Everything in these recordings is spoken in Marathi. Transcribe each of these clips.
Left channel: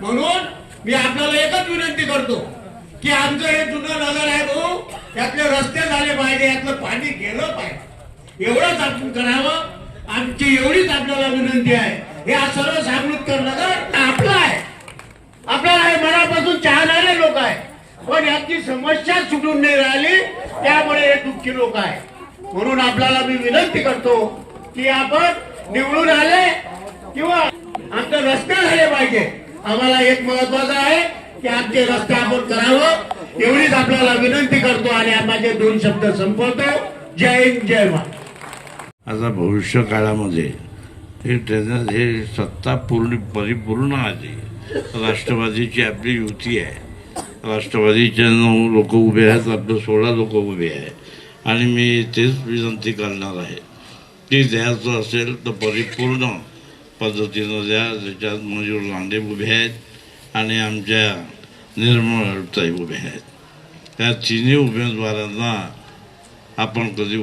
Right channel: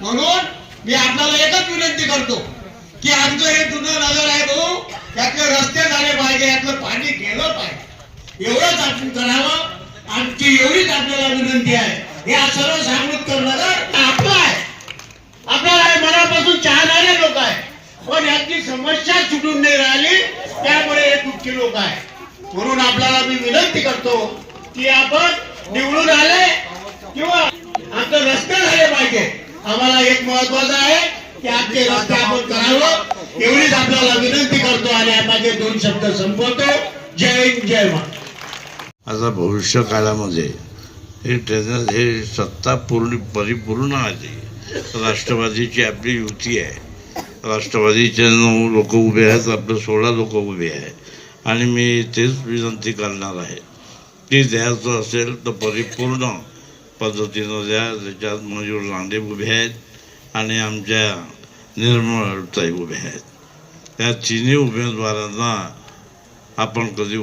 म्हणून मी आपल्याला एकच विनंती करतो की आमचं हे जुनं नगर आहे भाऊ, त्यातले रस्ते झाले पाहिजे, यातलं पाणी गेलं पाहिजे, एवढंच आपण करावं। आमची एवढीच आपल्याला विनंती आहे। हे सर्व सामृतकर नगर आपलं आहे, आपल्याला हे मनापासून चाहणारे लोक आहे, पण याची समस्या सुटून नाही राहिली, त्यामुळे हे दुःखी लोक आहे। म्हणून आपल्याला मी विनंती करतो की आपण निवडून आले किंवा आमचे रस्ते झाले पाहिजे, आम्हाला एक महत्वाचं आहे की आमचे रस्ते आपण करावं, एवढीच आपल्याला विनंती करतो आणि माझे 2 शब्द संपवतो। जय हिंद, जय महाराष्ट्र। आता भविष्य काळामध्ये हे ट्रेनर हे सत्ता परिपूर्ण आली, राष्ट्रवादीची आपली युती आहे, राष्ट्रवादीचे 9 लोक उभे आहेत, आपले 16 लोक उभे आहेत आणि मी तेच विनंती करणार आहे की द्यायचं असेल तर परिपूर्ण पद्धतीनं द्या। त्याच्यात मयूर लांडे उभे आहेत आणि आमच्या निर्मळताई उभे आहेत। त्या तिन्ही उमेदवारांना आपण कधी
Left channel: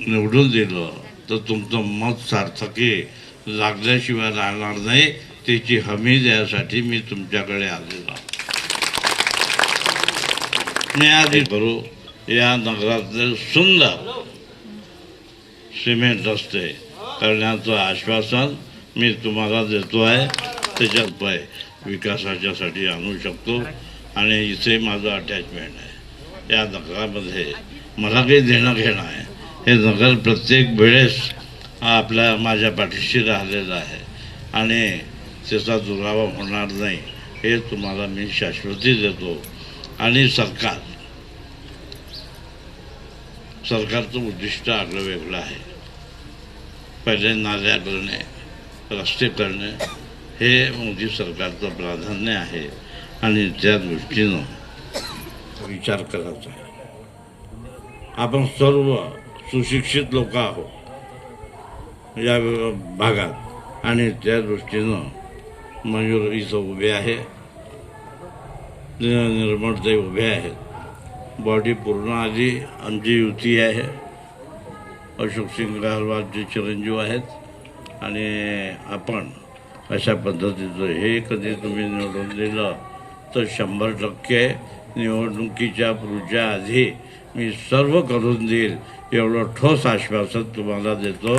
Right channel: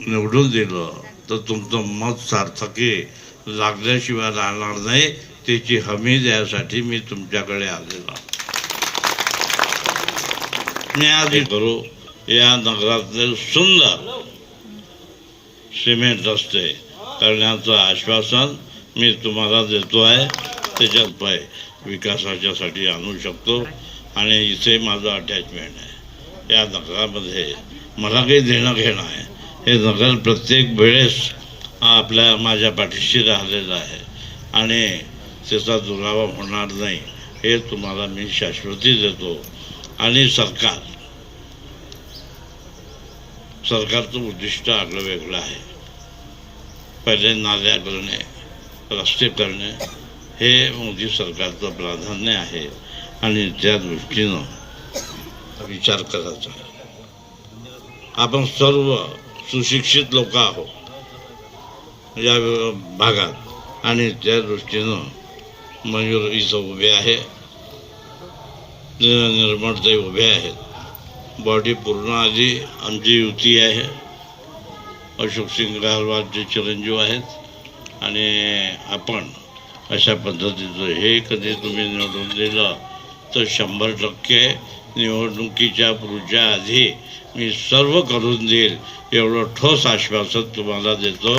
निवडून दिलं तर तुमचं मत सार्थकी लागल्याशिवाय राहणार नाही, त्याची हमी द्यायसाठी मी तुमच्याकडे आलेलो। मी आधी करू या नगरातले सुंदर सिमेंट रस्ते करण्याचं आश्वासन मी तुम्हाला देतो आहे। त्याच्यात विकासाच्यासाठी आणू शकतो आणि इथे माझं अटॅचमेंट आहे। या नगरामध्ये मला काही देणं घेणं आहे, हे नगर प्रत्येक वेळेस माझ्या पाठीशी राहिलेलं आहे आणि त्याचा दुरावा होणार नाही हे तुम्हाला मी शाश्वती देतो। आणि सरकारचं उद्दिष्ट आगळं वेगळं आहे। पहिले नाल्या करणे, रस्ते करणे हे मोदी सरकारचं प्राधान्य आहे आणि त्या दृष्टीनं विचार करायचा आहे। आपण सर्व सुशिक्षित लोक आहोत या भागात आणि त्या दृष्टीनं मयूर इथं उभे आहे, निर्मळताई उभे आहेत, बॉडी पूर्ण आली, आमची युती आहे, अशोक सिंग गहलोतचे चिरंजीव आहेत आणि आपण अशा पद्धतीचं हे कधी तुम्ही निवडून दिलं तर 100% निवडणुकीच्या पुढच्या आधी मी सर्व करून देईल एवढं ठोस आश्वासन तुम्हाला देतो।